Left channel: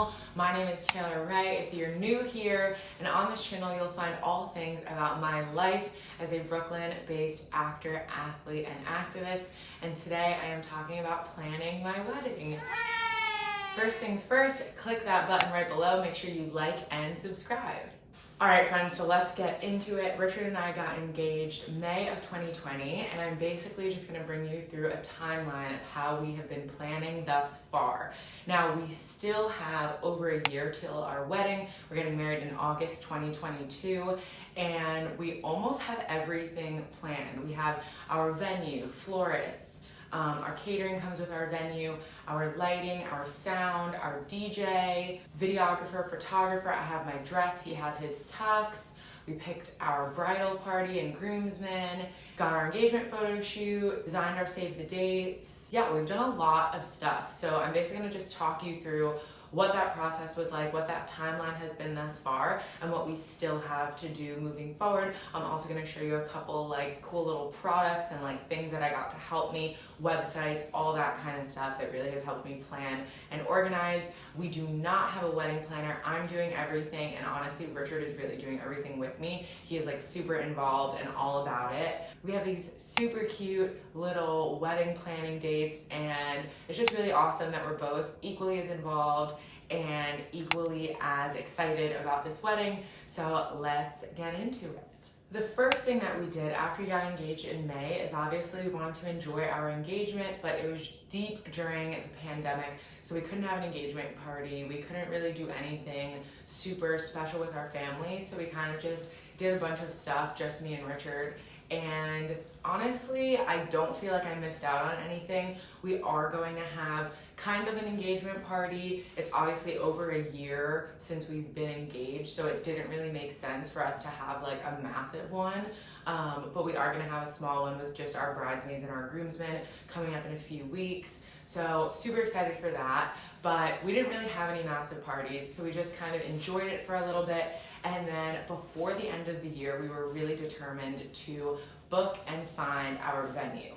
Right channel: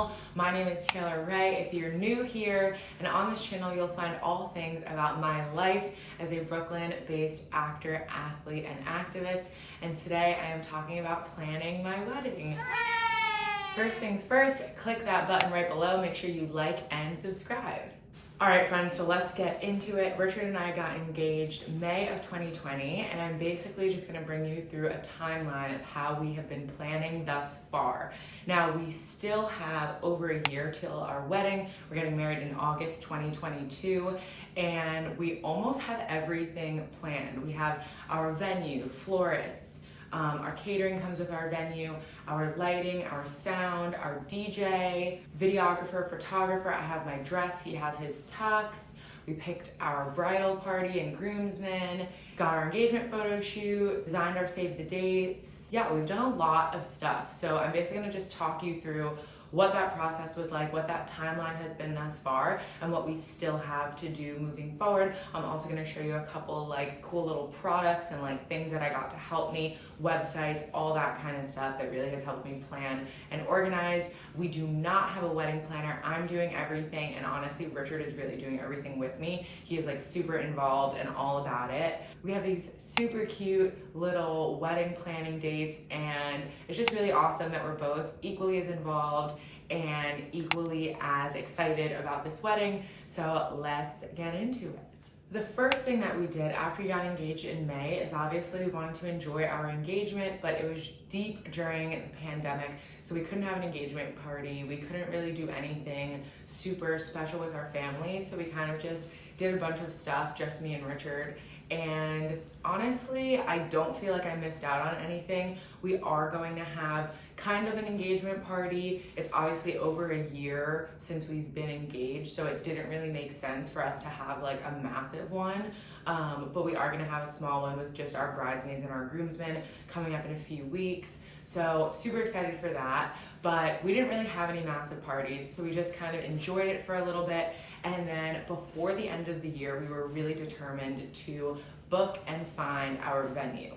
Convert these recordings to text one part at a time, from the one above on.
channel. My name is Taylor Ray. If you're new here, and on this channel you'll find all things about my life as a Brooklyn-based actor, athlete, and activist. And today I am talking about planning my wedding. First things first, click that button right below. Make sure you like and subscribe. All right, friends, so let's get into it. Richard and I got engaged May of 2020, and I'm basically just gonna bring you through a timeline of how we have been planning thus far. Now, we still have over a year till our wedding. We're getting married in August 2022, and we almost have everything planned. We have our venue, Florists, our catering comes with our venue, our lighting, our sound, our DJ, videographer, photographer. I have my dress, he has his tux. We picked our bridal party and groomsmen, got our engagement photo shoot, designed our save the dates. Yeah, we've done a lot of stuff. So I'm basically gonna just talk you through what that process was like, what that timeline has been thus far, and what we still have to do moving forward. I'm also gonna show you a couple like cool little products and like things that I got to help me, websites, all that kind of stuff that really has helped me plan and organize. We do not have a wedding planner. I'm doing everything, and honestly, Richard is really doing everything with me. He is like super involved and all about it. We have these super cute little wedding planning dates, and it's just really awesome that we're both equally as involved and equally as excited about this wedding. So let's get into it. The first thing that we did after we got engaged in May is obviously we wanted to enjoy our engagement, but it was deep during the pandemic, so we couldn't have an engagement party. We couldn't really do anything super special with our family, so we kind of just did a bunch of stuff, just me and Richard. And honestly, I don't feel like I missed out on anything. We are going to have kind of an engagement party. It's obviously over a year since we've been engaged, so it didn't really make sense for us to have like a massive one. But we are gonna have a small one with just our bridesmaids and our groomsmen coming up in a few weeks. So super excited for that. But we didn't really have any massive parties, so we just kind of enjoyed it for a little bit. And then before the end of the year, we were really determined to book and find our venue.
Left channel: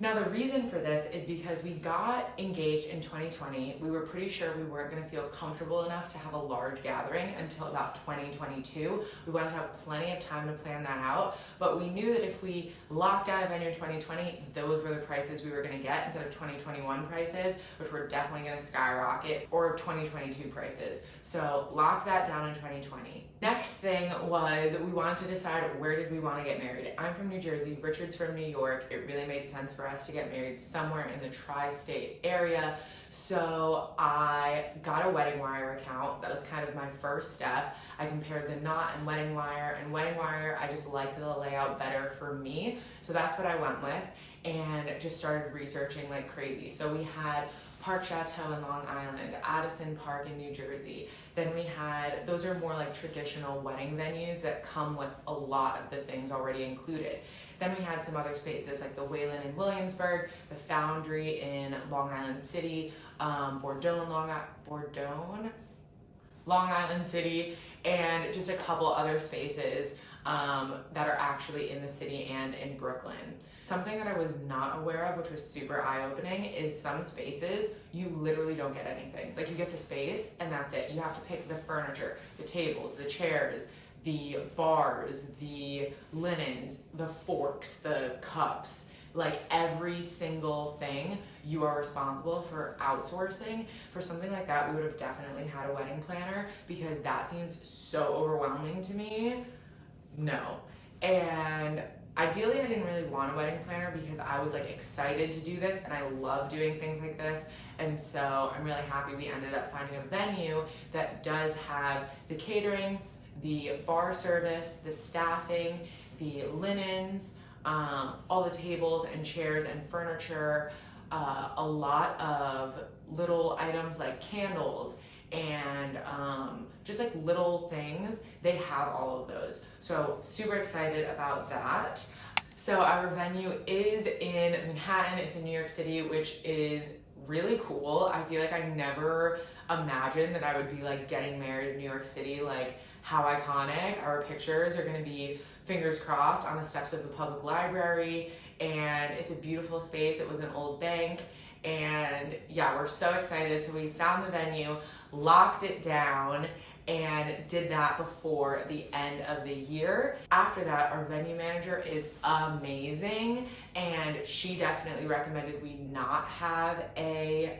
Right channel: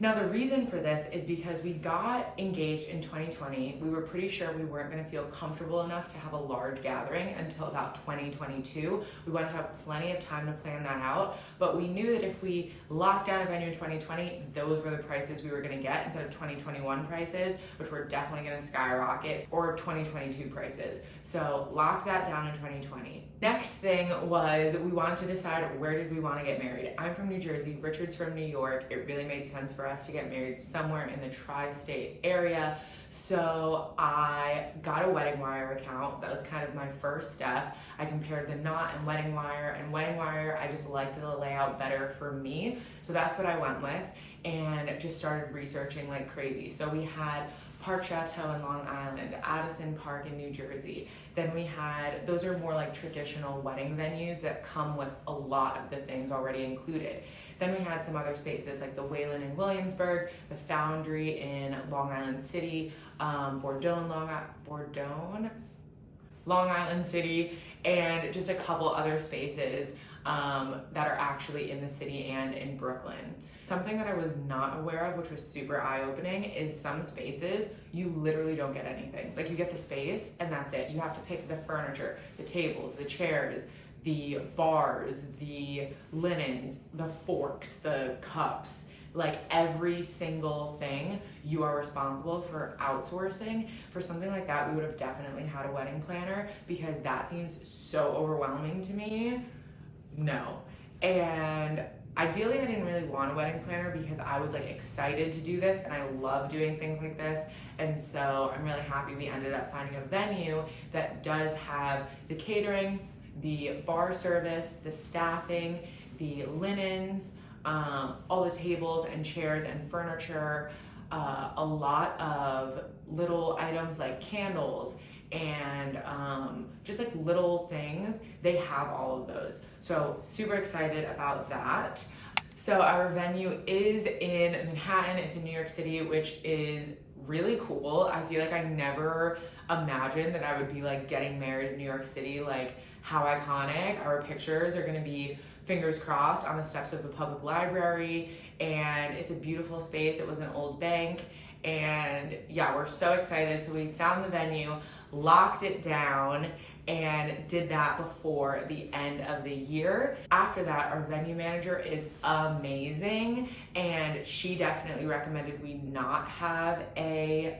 Now, the reason for this is because we got engaged in 2020. We were pretty sure we weren't gonna feel comfortable enough to have a large gathering until about 2022. We wanted to have plenty of time to plan that out, but we knew that if we locked down a venue in 2020, those were the prices we were gonna get instead of 2021 prices, which were definitely gonna skyrocket, or 2022 prices. So lock that down in 2020. Next thing was we wanted to decide where did we want to get married. I'm from New Jersey, Richard's from New York. It really made sense for us to get married somewhere in the tri-state area. So I got a wedding wire account. That was kind of my first step. I compared the knot and wedding wire, I just liked the layout better for me. So that's what I went with and just started researching like crazy. So we had Park Chateau in Long Island, Addison Park in New Jersey. Then we had, those are more like traditional wedding venues that come with a lot of the things already included. Then we had some other spaces like the Whalen in Williamsburg, the Foundry in Long Island City, Bordeaux, Long Island City, and just a couple other spaces that are actually in the city and in Brooklyn. Something that I was not aware of, which was super eye-opening, is some spaces, you literally don't get anything. Like you get the space and that's it. You have to pick the furniture, the tables, the chairs, the bars, the linens, the forks, the cups, like every single thing you are responsible for outsourcing. For something like that, we would have definitely had a wedding planner because that seems so overwhelming to me. No. And ideally, I didn't really want a wedding planner because I was like excited to do this and I love doing things like this. And so I'm really happy we ended up finding a venue that does have the catering, the bar service, the staffing, the linens, all the tables and chairs and furniture, a lot of little items like candles and just like little things. They have all of those. So super excited about that. So our venue is in Manhattan. It's in New York City, which is really cool. I feel like I never imagined that I would be like getting married in New York City. Like how iconic. Our pictures are gonna be, fingers crossed, on the steps of the public library, and it's a beautiful space. It was an old bank, and yeah, we're so excited. So we found the venue. locked it down, and did that before the end of the year. After that, our venue manager is amazing, and she definitely recommended we not have a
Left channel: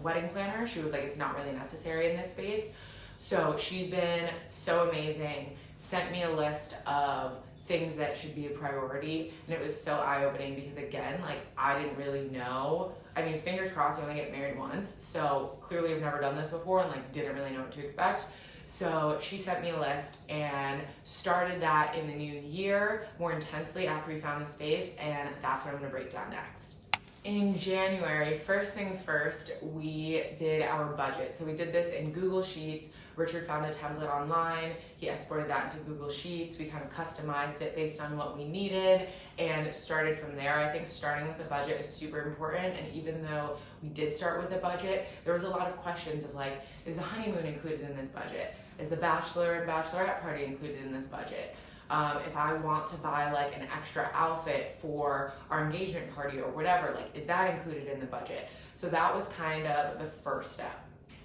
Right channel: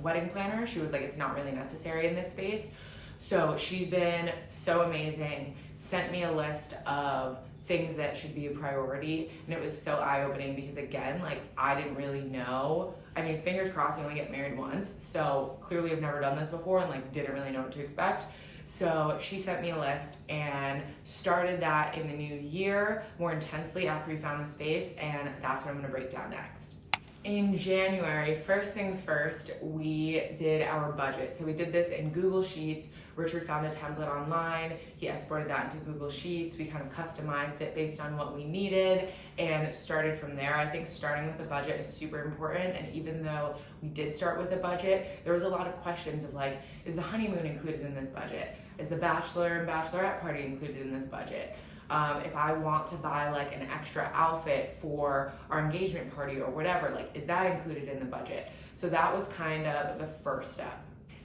wedding planner. She was like, it's not really necessary in this space. So she's been so amazing, sent me a list of things that should be a priority, and it was so eye-opening because, again, like, I didn't really know. I mean, fingers crossed, I only get married once, so clearly I've never done this before and like didn't really know what to expect. So she sent me a list and started that in the new year more intensely after we found the space, and that's what I'm gonna break down next. In January, first things first, we did our budget. So we did this in Google Sheets. Richard found a template online. He exported that into Google Sheets. We kind of customized it based on what we needed and started from there. I think starting with a budget is super important. And even though we did start with a budget, there was a lot of questions of like, is the honeymoon included in this budget? Is the bachelor and bachelorette party included in this budget? If I want to buy like an extra outfit for our engagement party or whatever, like, is that included in the budget? So that was kind of the first step.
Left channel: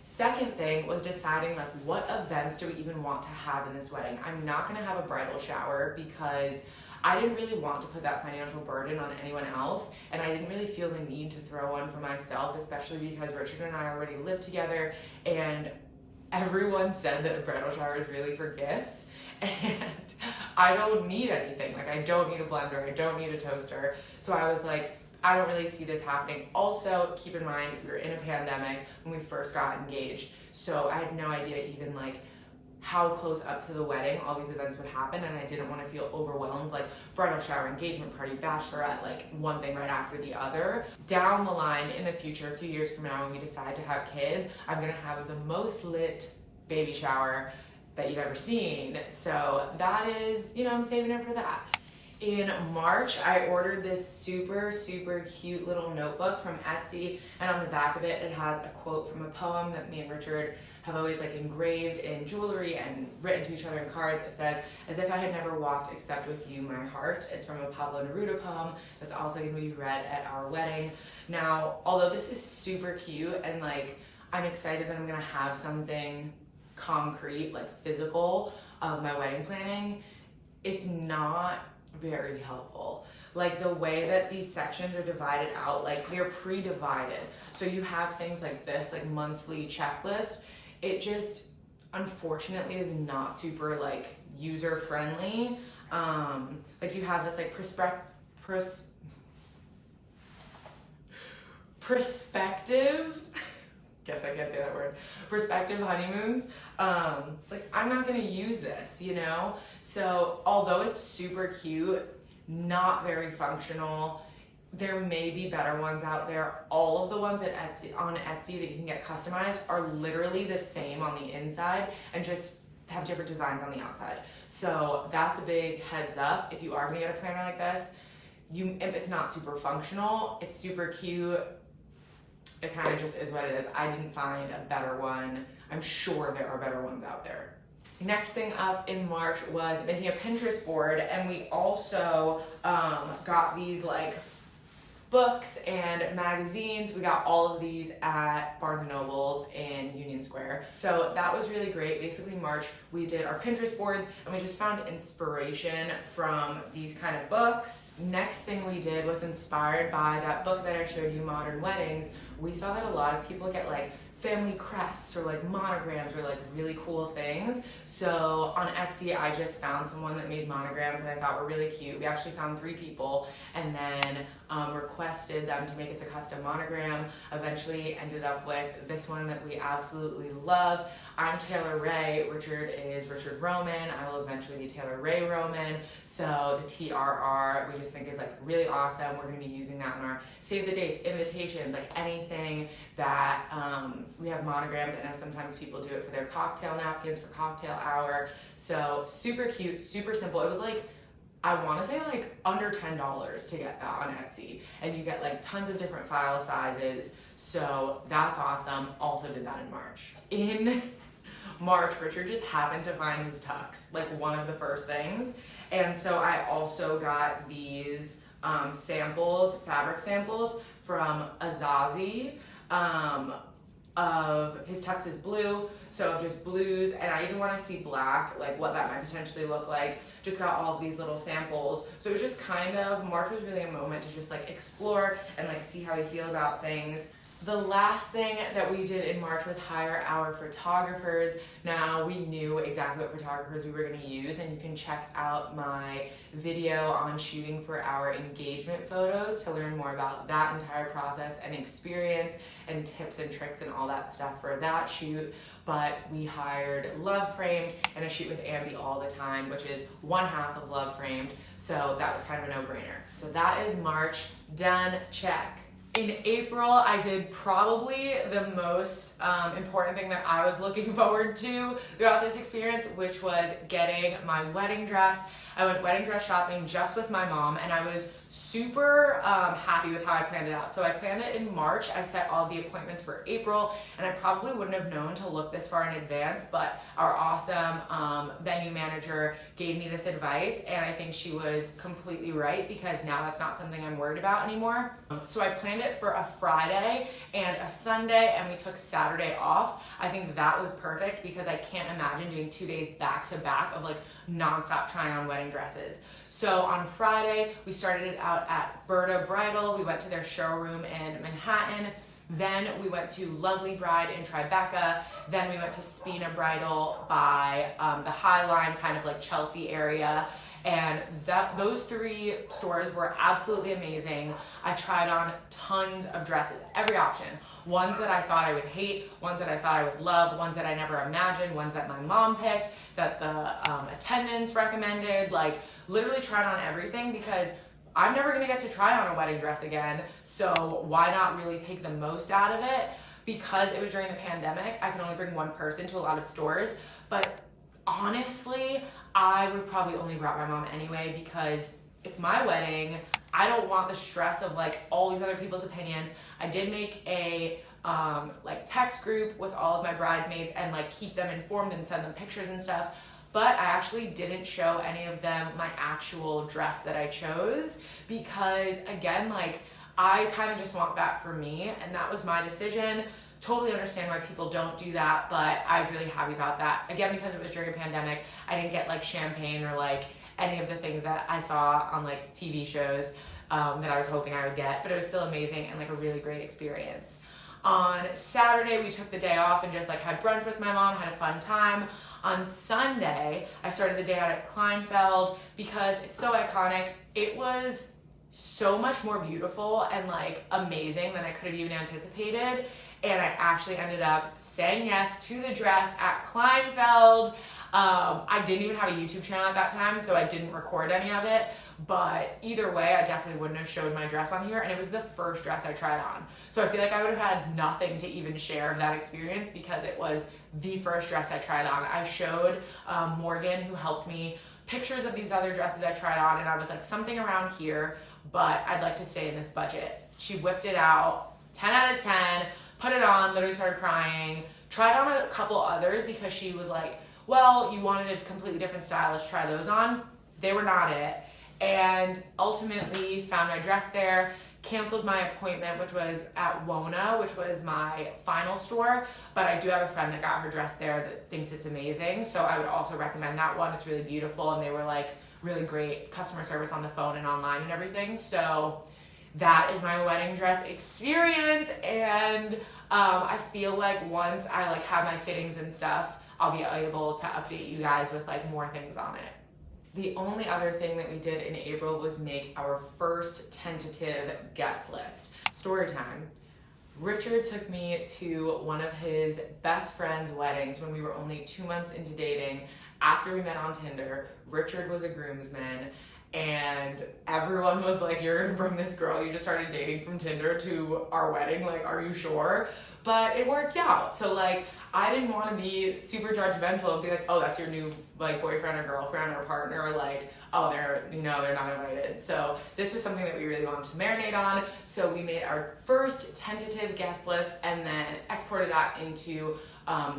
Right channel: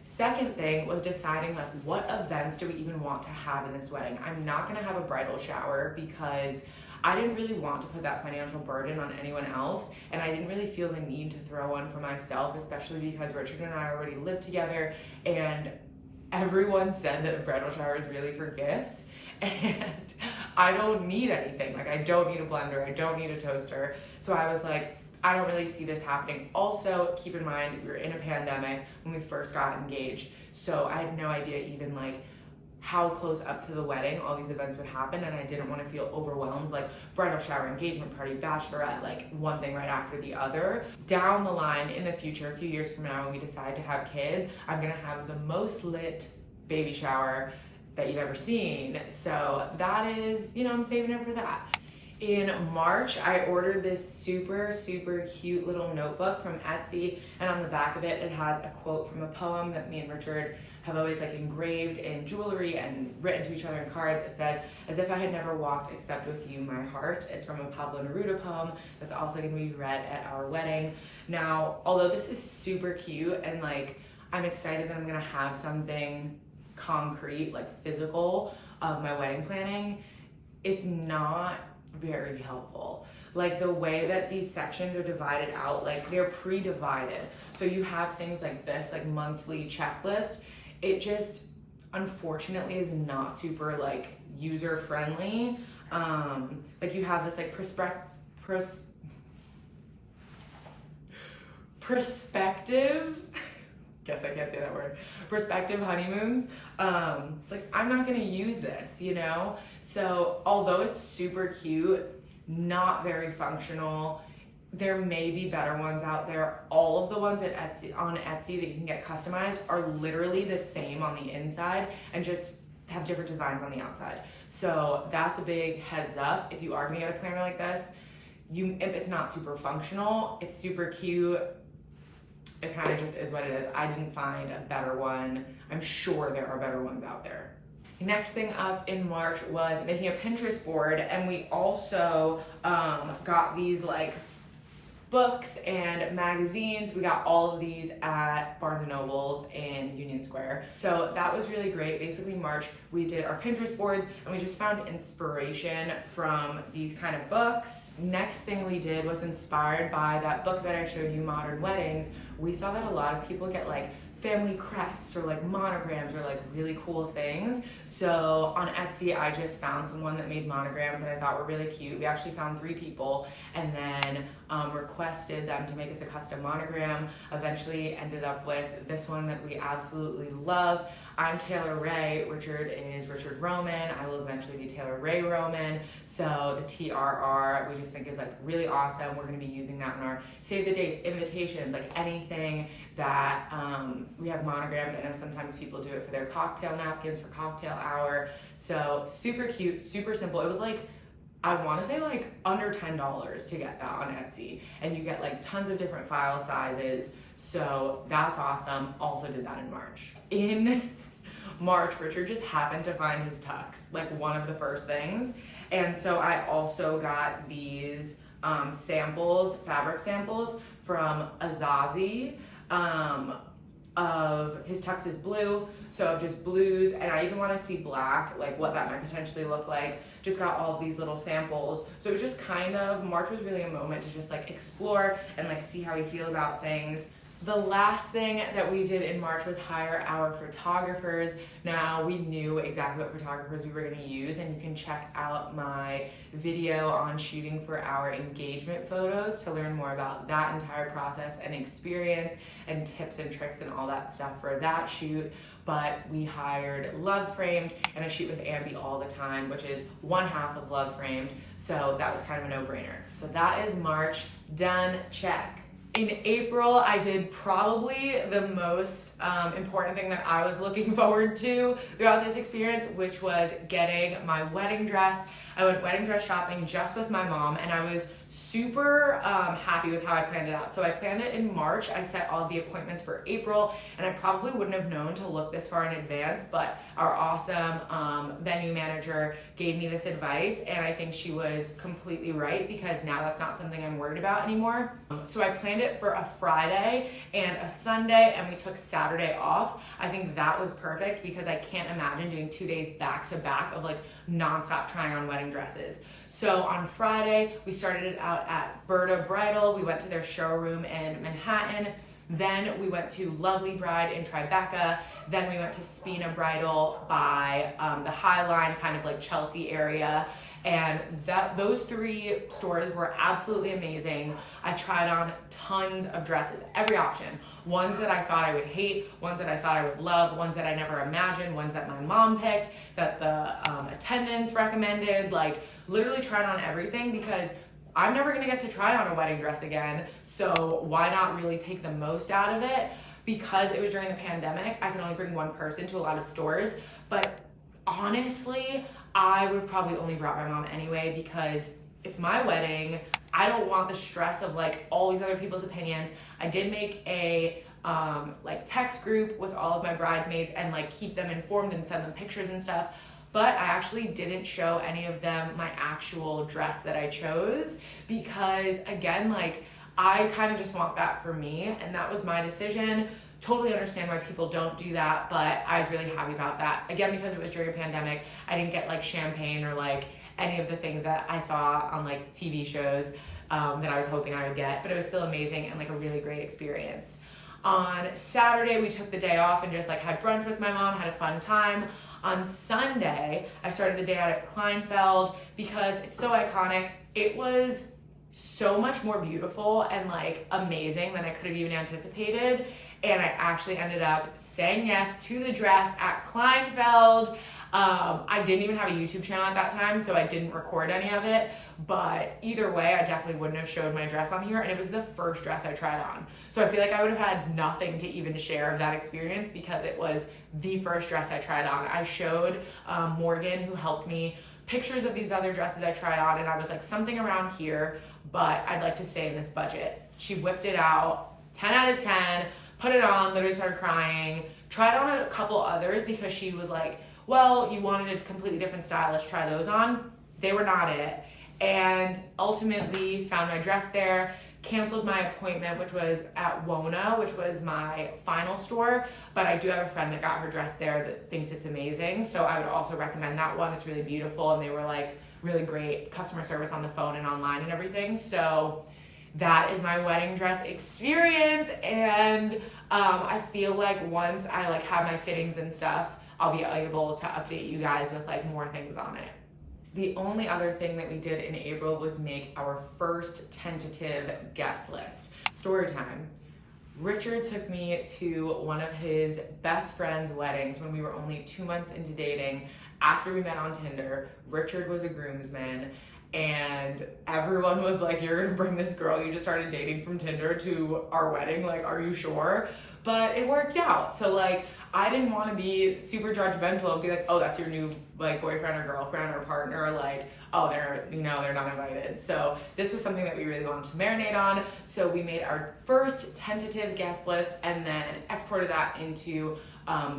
Second thing was deciding like, what events do we even want to have in this wedding? I'm not gonna have a bridal shower because I didn't really want to put that financial burden on anyone else, and I didn't really feel the need to throw one for myself, especially because Richard and I already live together, and everyone said that a bridal shower is really for gifts, and I don't need anything. Like, I don't need a blender, I don't need a toaster. So I was like, I don't really see this happening. Also, keep in mind, we were in a pandemic when we first got engaged, so I had no idea even like how close up to the wedding all these events would happen, and I didn't want to feel overwhelmed, like bridal shower, engagement party, bachelorette, like one thing right after the other. Down the line in the future, a few years from now when we decide to have kids, I'm gonna have the most lit baby shower that you've ever seen. So that is, you know, I'm saving it for that. In March, I ordered this super, super cute little notebook from Etsy, and on the back of it, it has a quote from a poem that me and Richard have always like engraved in jewelry and written to each other in cards. It says, "As if I had never walked except with you, my heart." It's from a Pablo Neruda poem that's also gonna be read at our wedding. Now, although this is super cute and like, I'm excited that I'm gonna have something concrete, like physical of my wedding planning, it's not very helpful. Like the way that these sections are divided out, like they're pre-divided. So you have things like this, like monthly checklist. It just, unfortunately, is not super like user friendly. Like you have this like perspective, guess I can't say that word, perspective honeymoons. Like I'm not gonna use this, you know? So although it's super cute, not very functional, there may be better ones out there. All of the ones at on Etsy that you can get customized are literally the same on the inside and just have different designs on the outside. So that's a big heads up. If you are gonna get a planner like this, it's not super functional, it's super cute. It kind of just is what it is. I didn't find a better one. I'm sure there are better ones out there. Next thing up in March was making a Pinterest board, and we also got these like books and magazines. We got all of these at Barnes & Noble's in Union Square. So that was really great. Basically March, we did our Pinterest boards and we just found inspiration from these kind of books. Next thing we did was inspired by that book that I showed you, Modern Weddings. We saw that a lot of people get like family crests or like monograms or like really cool things. So on Etsy, I just found someone that made monograms that I thought were really cute. We actually found 3 people and then requested them to make us a custom monogram. Eventually ended up with this one that we absolutely love. I'm Taylor Ray, Richard is Richard Roman. I will eventually be Taylor Ray Roman. So the TRR we just think is like really awesome. We're gonna be using that in our save the dates, invitations, like anything that we have monogrammed. I know sometimes people do it for their cocktail napkins for cocktail hour. So super cute, super simple. It was like, I wanna say like under $10 to get that on Etsy. And you get like tons of different file sizes. So that's awesome. Also did that in March. In March, Richard just happened to find his tux, like one of the first things. And so I also got these samples, fabric samples from Azazi. of his tux is blue, so just blues, and I even want to see black, like what that might potentially look like. Just got all of these little samples. So it was just kind of, March was really a moment to just like explore and like see how we feel about things. The last thing that we did in March was hire our photographers. Now we knew exactly what photographers we were going to use, and you can check out my video on shooting for our engagement photos to learn more about that entire process and experience and tips and tricks and all that stuff for that shoot. But we hired Love Framed, and I shoot with Ambi all the time, which is one half of Love Framed. So that was kind of a no-brainer. So that is March, done, check. In April, I did probably the most important thing that I was looking forward to throughout this experience, which was getting my wedding dress. I went wedding dress shopping just with my mom, and I was super happy with how I planned it out. So I planned it in March. I set all the appointments for April, and I probably wouldn't have known to look this far in advance, but our awesome venue manager gave me this advice, and I think she was completely right, because now that's not something I'm worried about anymore. So I planned it for a Friday and a Sunday, and we took Saturday off. I think that was perfect, because I can't imagine doing 2 days back to back of like nonstop trying on wedding dresses. So on Friday, we started it out at Berta Bridal. We went to their showroom in Manhattan. Then we went to Lovely Bride in Tribeca. Then we went to Spina Bridal by the High Line, kind of like Chelsea area. And those 3 stores were absolutely amazing. I tried on tons of dresses, every option. Ones that I thought I would hate, ones that I thought I would love, ones that I never imagined, ones that my mom picked, that the attendants recommended, like literally tried on everything, because I'm never gonna get to try on a wedding dress again. So why not really take the most out of it? Because it was during the pandemic, I could only bring one person to a lot of stores. But honestly, I would have probably only brought my mom anyway, because it's my wedding. I don't want the stress of like all these other people's opinions. I did make a like text group with all of my bridesmaids and like keep them informed and send them pictures and stuff. But I actually didn't show any of them my actual dress that I chose, because again, like I kind of just want that for me, and that was my decision. Totally understand why people don't do that, but I was really happy about that. Again, because it was during a pandemic, I didn't get like champagne or like any of the things that I saw on like TV shows that I was hoping I would get, but it was still amazing and like a really great experience. On Saturday, we took the day off and just like had brunch with my mom, had a fun time. On Sunday, I started the day out at Kleinfeld because it's so iconic. It was so much more beautiful and like amazing than I could have even anticipated. And I actually ended up saying yes to the dress at Kleinfeld. I didn't even have a YouTube channel at that time, so I didn't record any of it. But either way, I definitely wouldn't have showed my dress on here, and it was the first dress I tried on. So I feel like I would have had nothing to even share of that experience because it was the first dress I tried on. I showed Morgan, who helped me, pictures of these other dresses I tried on, and I was like, something around here, but I'd like to stay in this budget. She whipped it out, 10 out of 10, put it on, literally started crying, tried on a couple others because she was like, well, you wanted a completely different style, let's try those on. They were not it. And ultimately found my dress there, canceled my appointment, which was at WONA, which was my final store, but I do have a friend that got her dress there that thinks it's amazing, so I would also recommend that one. It's really beautiful, and they were like really great customer service on the phone and online and everything. So that is my wedding dress experience, and I feel like once I like have my fittings and stuff, I'll be able to update you guys with like more things on it. The only other thing that we did in April was make our first tentative guest list. Story time. Richard took me to one of his best friend's weddings when we were only 2 months into dating. After we met on Tinder, Richard was a groomsman, and everyone was like, you're gonna bring this girl you just started dating from Tinder to our wedding, like, are you sure? But it worked out. So like, I didn't want to be super judgmental and be like, oh, that's your new like boyfriend or girlfriend or partner, or like, oh, they're not invited. So this was something that we really wanted to marinate on. So we made our first tentative guest list and then exported that into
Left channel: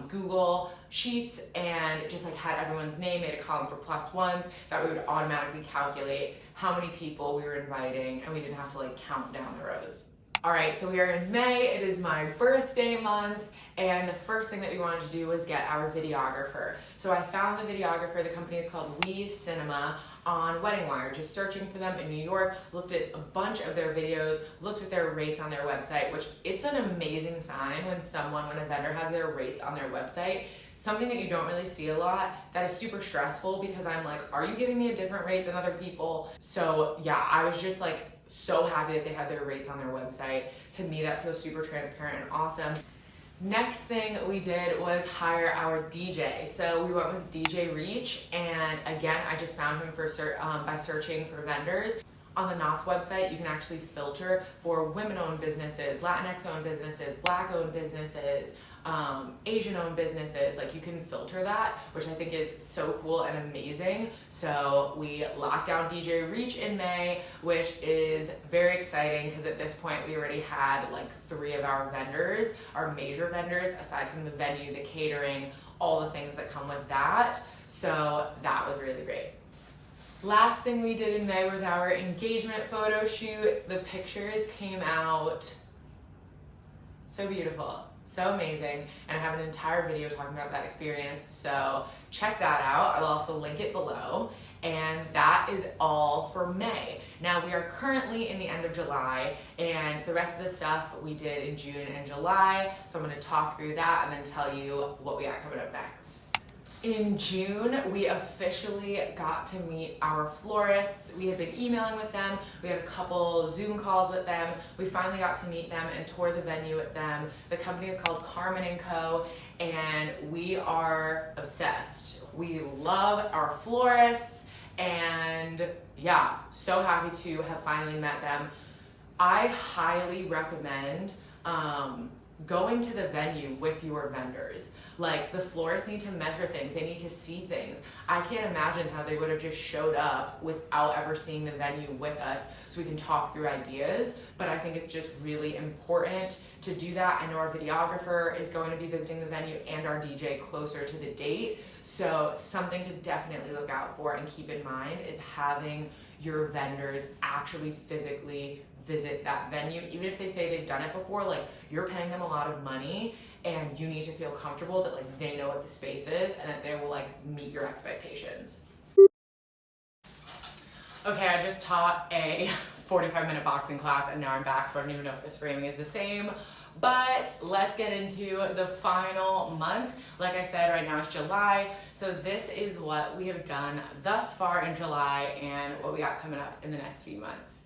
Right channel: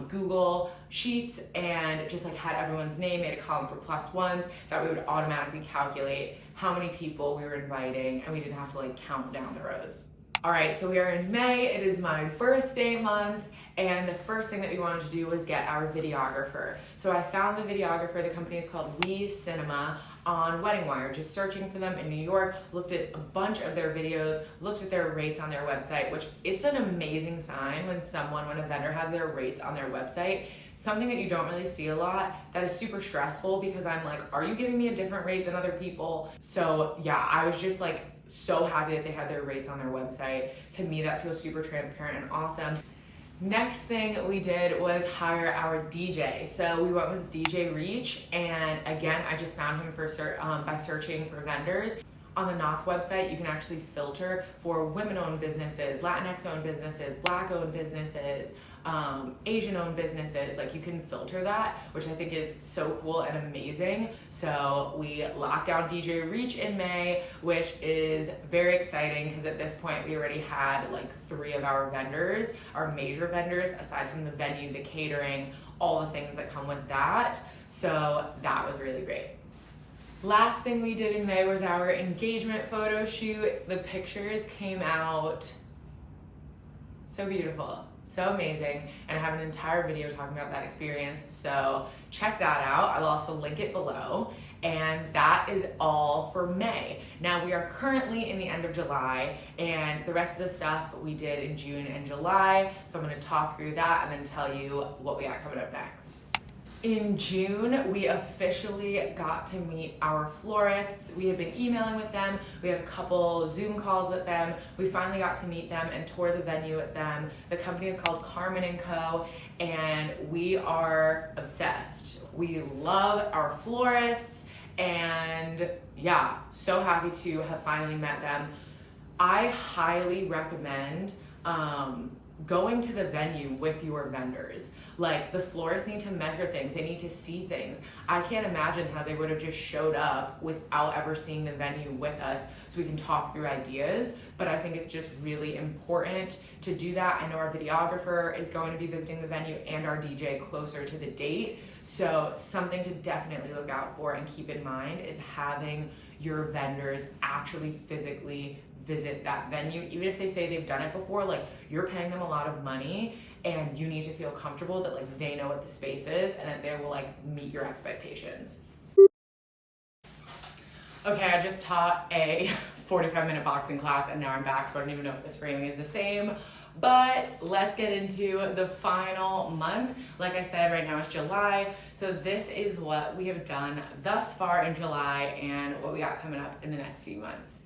Google Sheets and just like had everyone's name, made a column for +1s that we would automatically calculate how many people we were inviting, and we didn't have to like count down the rows. All right, so we are in May. It is my birthday month, And the first thing that we wanted to do was get our videographer. So I found the videographer, the company is called WeCinema, on Wedding Wire, just searching for them in New York, looked at a bunch of their videos, looked at their rates on their website, which it's an amazing sign when a vendor has their rates on their website. Something that you don't really see a lot, that is super stressful because I'm like, are you giving me a different rate than other people? So yeah, I was just like so happy that they had their rates on their website. To me, that feels super transparent and awesome. Next thing we did was hire our DJ. So we went with DJ Reach, and again, I just found him by searching for vendors. On the Knott's website, you can actually filter for women-owned businesses, Latinx-owned businesses, Black-owned businesses, Asian-owned businesses. Like, you can filter that, which I think is so cool and amazing. So we locked down DJ Reach in May, which is very exciting because at this point we already had like 3 of our vendors, our major vendors, aside from the venue, the catering, all the things that come with that. So that was really great. Last thing we did in May was our engagement photo shoot. The pictures came out so beautiful, so amazing, and I have an entire video talking about that experience, so check that out. I will also link it below. And that is all for May. Now we are currently in the end of July, and the rest of the stuff we did in June and July, so I'm going to talk through that and then tell you what we got coming up next. In June, we officially got to meet our florists. We had been emailing with them. We had a couple Zoom calls with them. We finally got to meet them and tour the venue with them. The company is called Carmen Co, and we are obsessed. We love our florists, and yeah, so happy to have finally met them. I highly recommend going to the venue with your vendors. Like, the florists need to measure things, they need to see things. I can't imagine how they would have just showed up without ever seeing the venue with us so we can talk through ideas, but I think it's just really important to do that. I know our videographer is going to be visiting the venue and our DJ closer to the date, so something to definitely look out for and keep in mind is having your vendors actually physically visit that venue. Even if they say they've done it before, like, you're paying them a lot of money, and you need to feel comfortable that like they know what the space is and that they will like meet your expectations. Okay, I just taught a 45-minute boxing class and now I'm back, so I don't even know if this framing is the same, but let's get into the final month. Like I said, right now it's July, so this is what we have done thus far in July and what we got coming up in the next few months.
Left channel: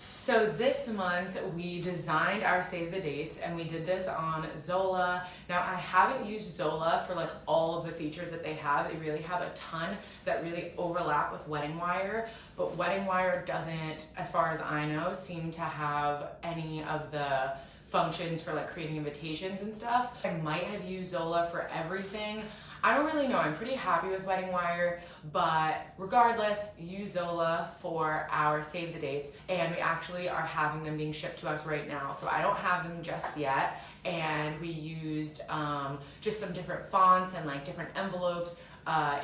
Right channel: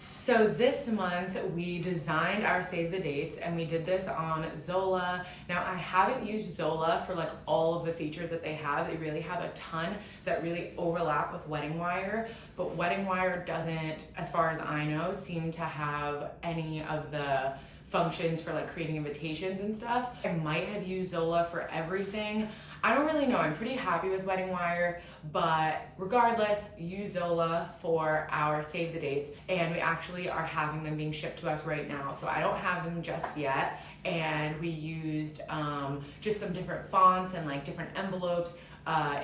So this month we designed our save the dates, and we did this on Zola. Now, I haven't used Zola for like all of the features that they have. They really have a ton that really overlap with Wedding Wire, but Wedding Wire doesn't, as far as I know, seem to have any of the functions for like creating invitations and stuff. I might have used Zola for everything. I don't really know. I'm pretty happy with Wedding Wire, but regardless, use Zola for our save the dates, and we actually are having them being shipped to us right now, so I don't have them just yet. And we used just some different fonts and like different envelopes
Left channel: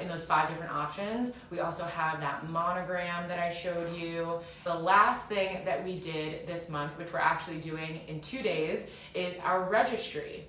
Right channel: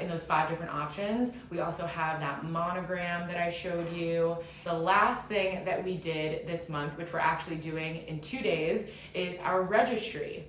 in those 5 different options. We also have that monogram that I showed you. The last thing that we did this month, which we're actually doing in 2 days, is our registry.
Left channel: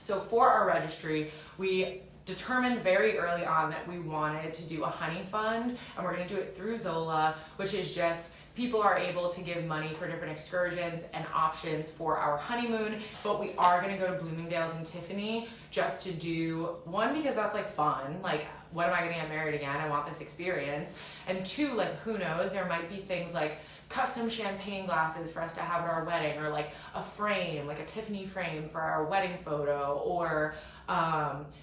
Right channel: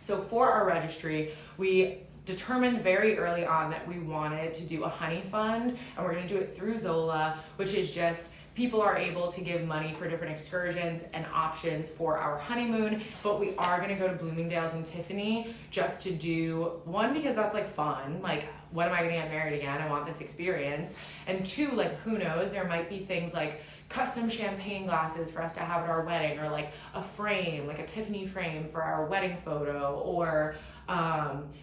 So for our registry, we determined very early on that we wanted to do a honey fund, and we're going to do it through Zola, which is just people are able to give money for different excursions and options for our honeymoon. But we are going to go to Bloomingdale's and Tiffany just to do, one, because that's like fun, like when am I going to get married again? I want this experience. And 2, like, who knows, there might be things like custom champagne glasses for us to have at our wedding, or like a frame, like a Tiffany frame for our wedding photo, or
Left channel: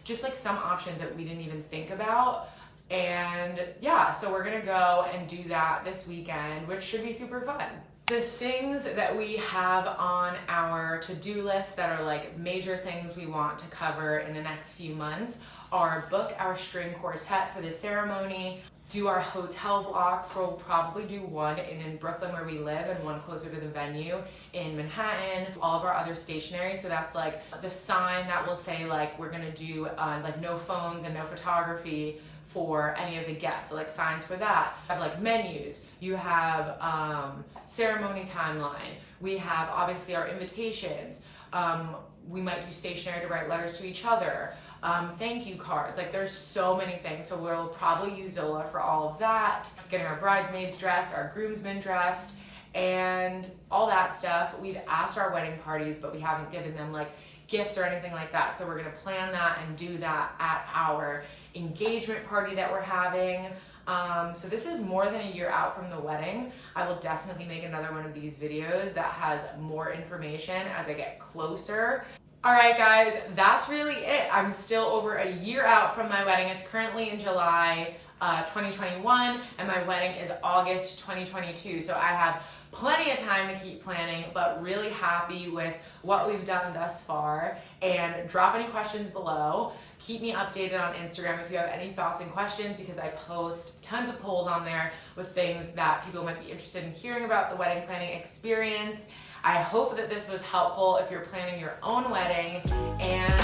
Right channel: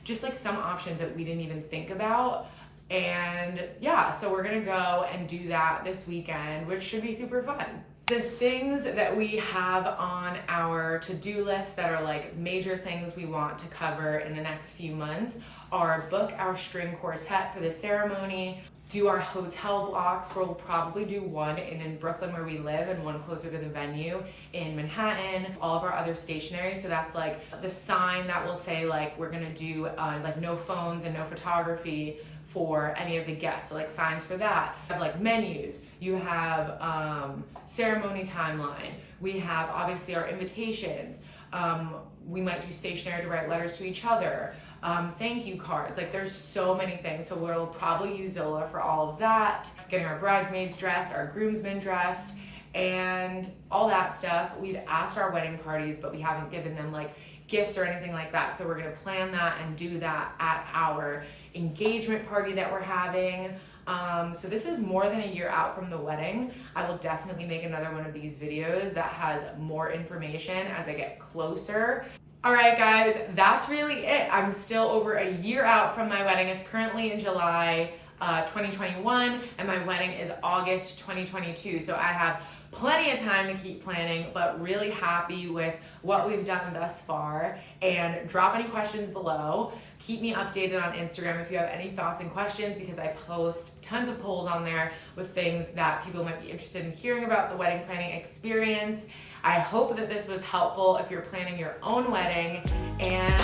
just like some options that we didn't even think about. And yeah, so we're gonna go and do that this weekend, which should be super fun. The things that we have on our to-do list that are like major things we want to cover in the next few months are book our string quartet for the ceremony, do our hotel blocks. We'll probably do one in Brooklyn where we live and one closer to the venue in Manhattan. All of our other stationery, so that's like the sign that will say like we're gonna do like no phones and no photography for any of the guests, so like signs for that. You have like menus, you have ceremony timeline, we have obviously our invitations. we might do stationery to write letters to each other, thank you cards. Like there's so many things. So we'll probably use Zola for all of that, getting our bridesmaids dressed, our groomsmen dressed, and all that stuff. We've asked our wedding parties, but we haven't given them like gifts or anything like that. So we're gonna plan that and do that at our engagement party that we're having. So this is more than a year out from the wedding. I will definitely make another one of these videos that has more information as I get closer. All right, guys, that's really it. I'm still over a year out from my wedding. It's currently in July 2021, and my wedding is August 2022. So I have plenty of time to keep planning, but really happy with what we've done thus far. And drop any questions below. Keep me updated on Instagram if you have any thoughts and questions, because I post tons of polls on there with things that people might be interested in hearing about the wedding planning experience. I hope that this was helpful if you're planning your own wedding, and